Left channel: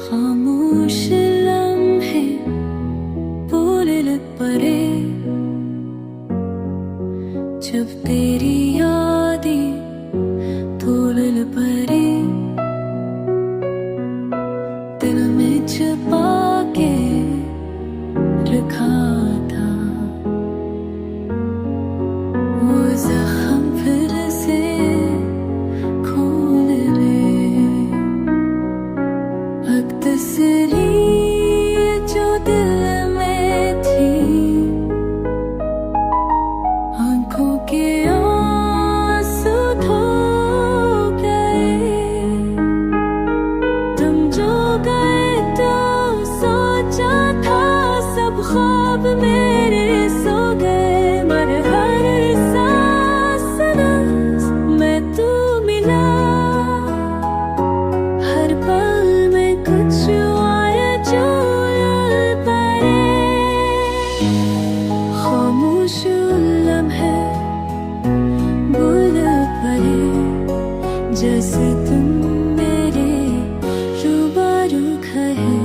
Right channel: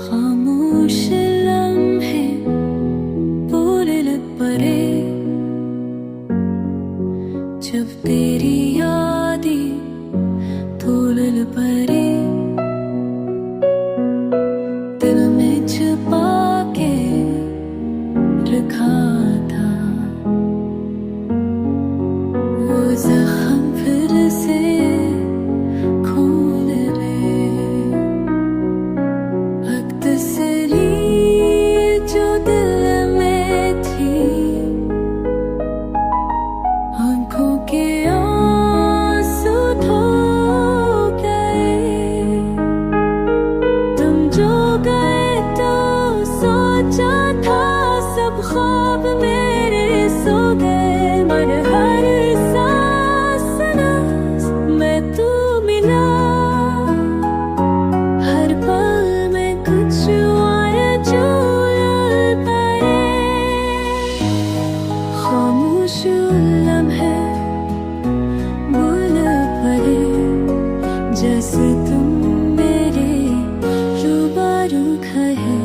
खामोश लम्हे बोले परे, जब तेरी यादें तोल परे, दिल में छुपा के रखा था वो जख्म फिर से खोल रे। हक तसल्ली जो दिल में थी, आंखों के आंसू धो गए। तुम जो गए तो सोचा था सब ख्वाब मेरे सो गए, मगर हर सांस में तू मिला। हर पल में कुछ और जो परे, खामोश लम्हे बोल परे, जैसे तुम मेरे रूबरू खड़े।